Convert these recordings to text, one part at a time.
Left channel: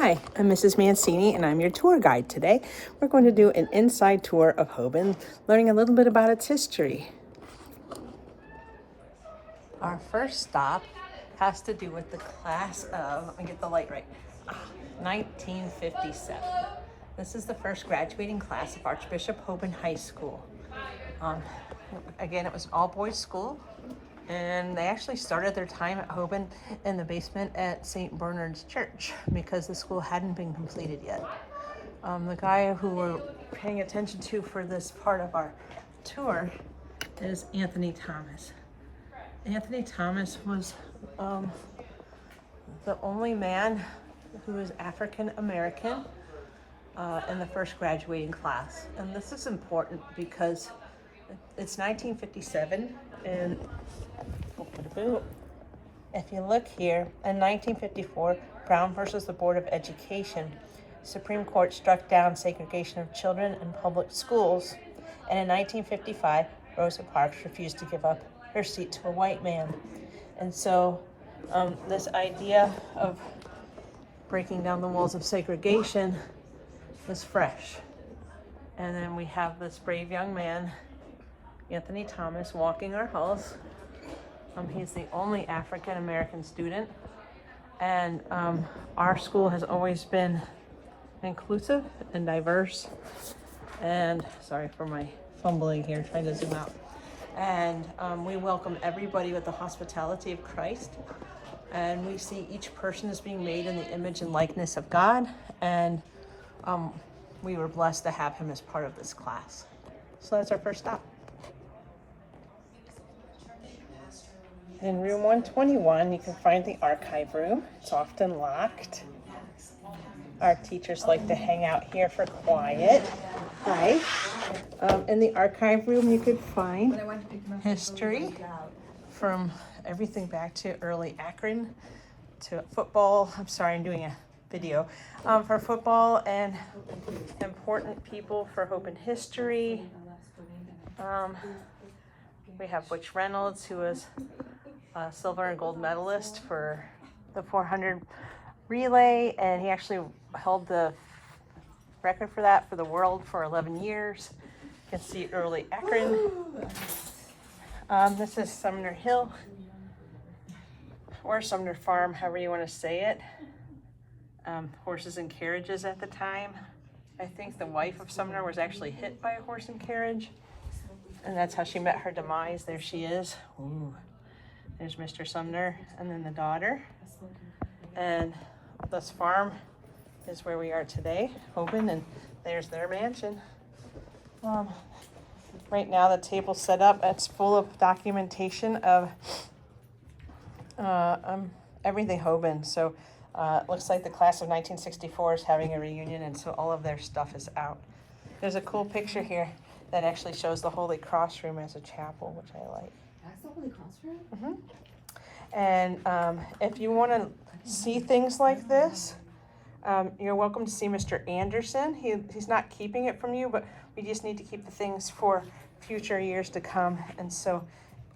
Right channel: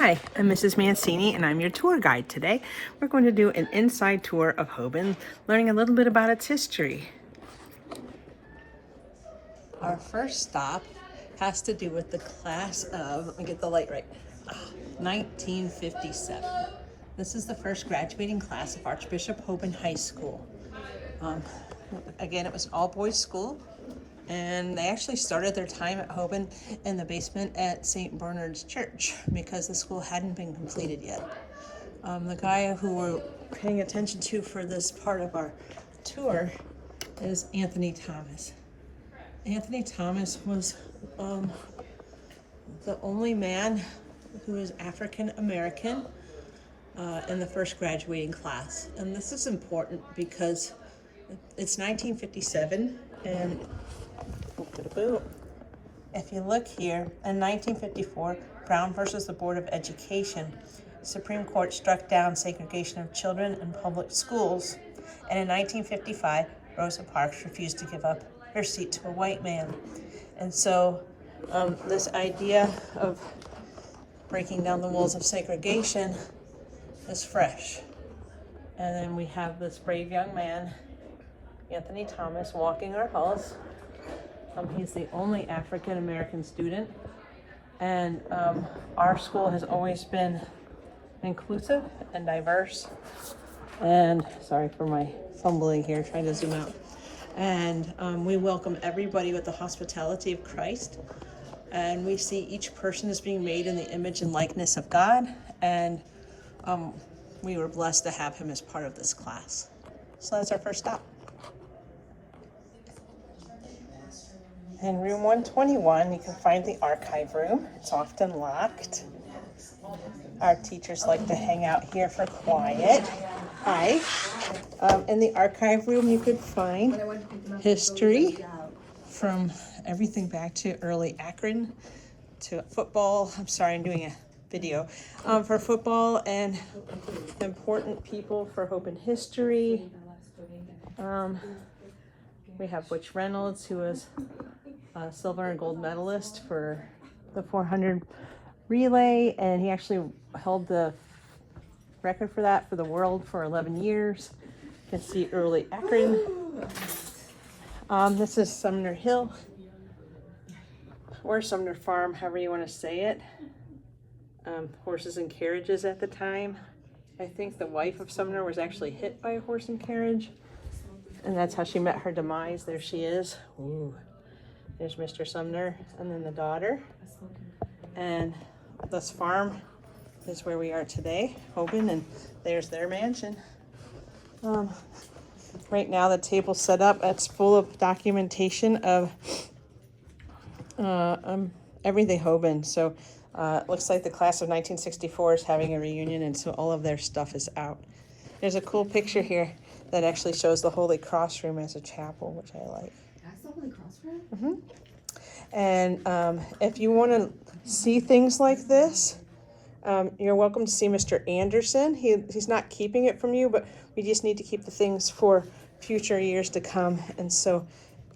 Hi, I'm Mrs. Mancini and I'm your tour guide today. We're going to do an inside tour of Hoban, learning a little bit about its history. Our first stop has to do with the class of, let me get the light right, 1957. This is the first graduating class of Archbishop Hoban High School. Again, it was an all-boys school, and they actually started their time at Hoban in the basement at St. Bernard's Church because the school hadn't been completed yet. The guy who we're paying attention to for this part of our tour is Anthony Thomas. Anthony Thomas was the only man who was African American in the first graduating class. And this is important because it's 1957, and if you look here, in 1954, Brown versus the Board of Education, Supreme Court struck down segregation of children in public schools. And in 1955, Rosa Parks refused to give up her seat to a white man. And so this idea of breaking down the walls of segregation was fresh. And then we have this brave young man, Anthony Thomas, walking our halls. He's the only African American student, and our school has always been inclusive and diverse. And sorry for my fumbling here, trying to zoom out. And we welcome everybody with the hospitality of Christ. And we see each person as being made in the image and likeness of God. And we were blessed to have him as part of this class. So that's our first stop. In room 121, you can find the archive room. It's often locked. Our teachers like to hang out here for quiet. Hi. In the archive room, you could find history from everything back to early Akron to football. I'm sorry, I'm doing a video for football and important people for Hoban history. We have Butch Reynolds, who was a silver and gold medalist for the 400 relay, and he actually held the record for that for the world for 11 years. You can see early Akron. This is Sumner Hill, or Sumner Farm, however you want to say it. Horses and carriages at the time. I think the wife of Sumner was actually hit by a horse and carriage, and that's how she met her demise. There she is. Ooh. There's Mr. Sumner, and then the daughter. And this farm is where we are today, Hoban, and there's their mansion. Right now the table's set up. It's full of documentation of everything Hoban. So it looks like the class of 1964 is having a reunion, and so all of their stuff is out. There's a cool picture here that actually shows the Holy Cross room as a chapel, which I like. That's the Holy Cross room? Mm-hmm. And if you want to see things like this, you're welcome to see Mr. Anderson. He's not keeping it from you, but we just need to keep the things for future years to come. And so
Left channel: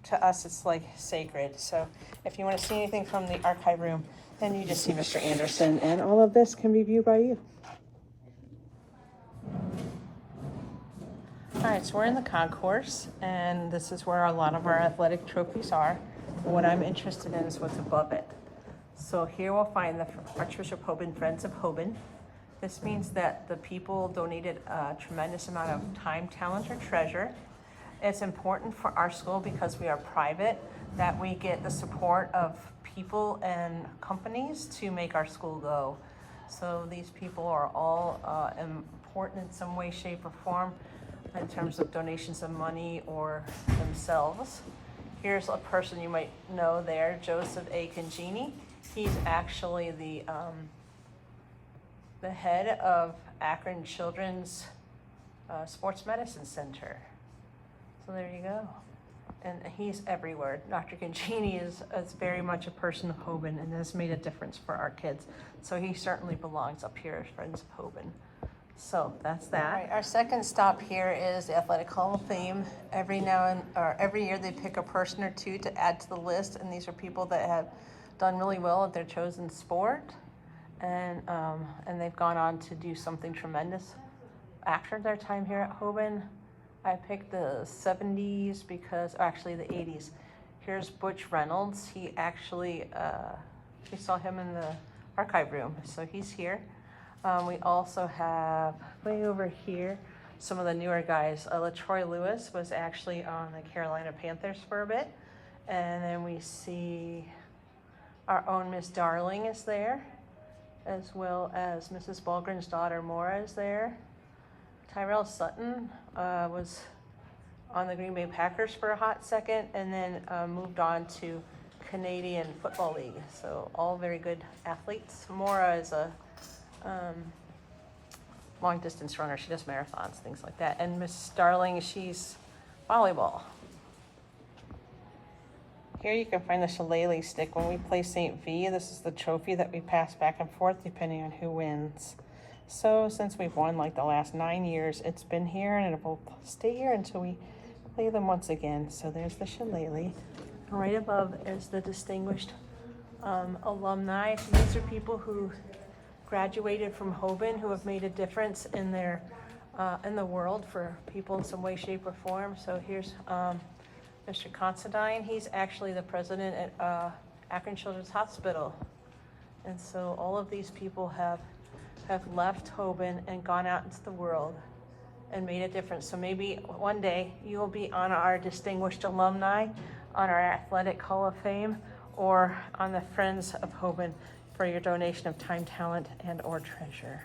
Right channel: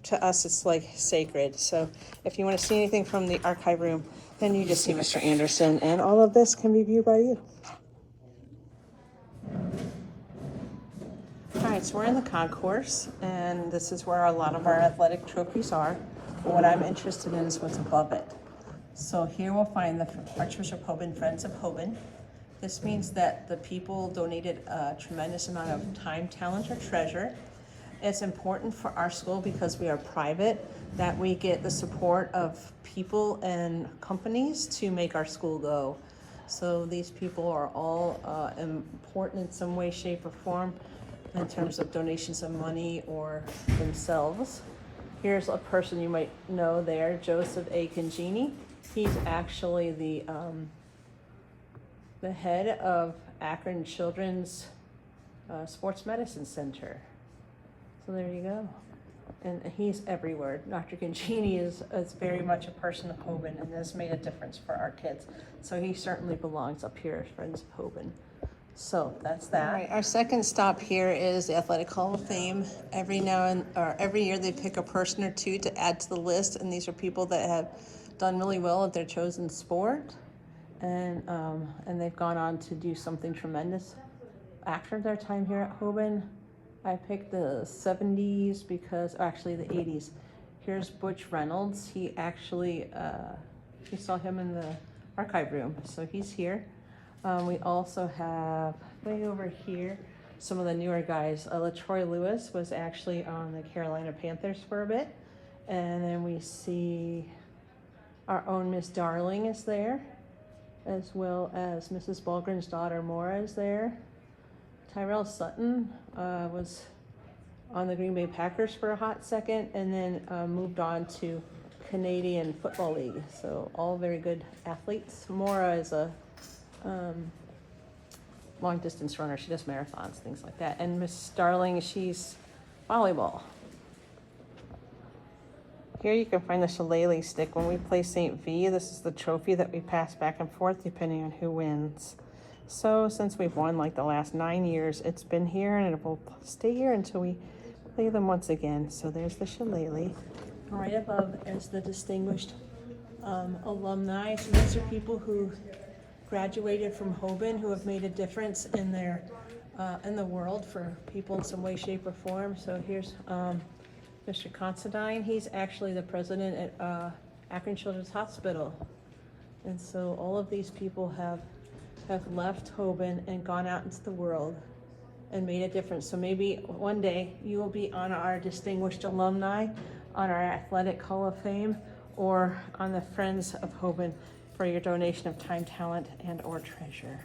to us, it's like sacred. So if you want to see anything from the archive room, then you just see Mr. Anderson, and all of this can be viewed by you. All right, so we're in the concourse, and this is where a lot of our athletic trophies are. But what I'm interested in is what's above it. So here we'll find the Archbishop Hoban Friends of Hoban. This means that the people donated a tremendous amount of time, talent, or treasure. It's important for our school because we are private that we get the support of people and companies to make our school go. So these people are all important in some way, shape, or form in terms of donations of money or themselves. Here's a person you might know there, Joseph A. Congini. He's actually the head of Akron Children's Sports Medicine Center. So there you go. And he's everywhere. Dr. Congini is very much a person of Hoban and has made a difference for our kids. So he certainly belongs up here as Friends of Hoban. So that's that. All right, our second stop here is the Athletic Hall of Fame. Every year they pick a person or two to add to the list, and these are people that have done really well at their chosen sport. and they've gone on to do something tremendous after their time here at Hoban. I picked the 70s because, actually the 80s. Here's Butch Reynolds. He actually, we saw him in the archive room, so he's here. We also have, way over here, some of the newer guys. LaTroy Lewis was actually on the Carolina Panthers for a bit. And then we see our own Miss Darling is there, as well as Mrs. Bulgren's daughter Maura is there. Tyrell Sutton was on the Green Bay Packers for a hot second, and then moved on to Canadian Football League. So all very good athletes. Maura is a long distance runner. She does marathons, things like that. And Miss Darling, she's volleyball. Here you can find the shillelagh stick. When we play St. V, this is the trophy that we pass back and forth depending on who wins. So since we've won like the last 9 years, it's been here and it will stay here until we play them once again. So there's the shillelagh. Right above is the distinguished alumni. So these are people who graduated from Hoban, who have made a difference in their in the world for people in some way, shape, or form. So here's Mr. Considine. He's actually the president at Akron Children's Hospital. And so all of these people have left Hoban and gone out into the world and made a difference. So maybe one day you'll be on our distinguished alumni, on our athletic hall of fame, or on the Friends of Hoban for your donation of time, talent, and or treasure.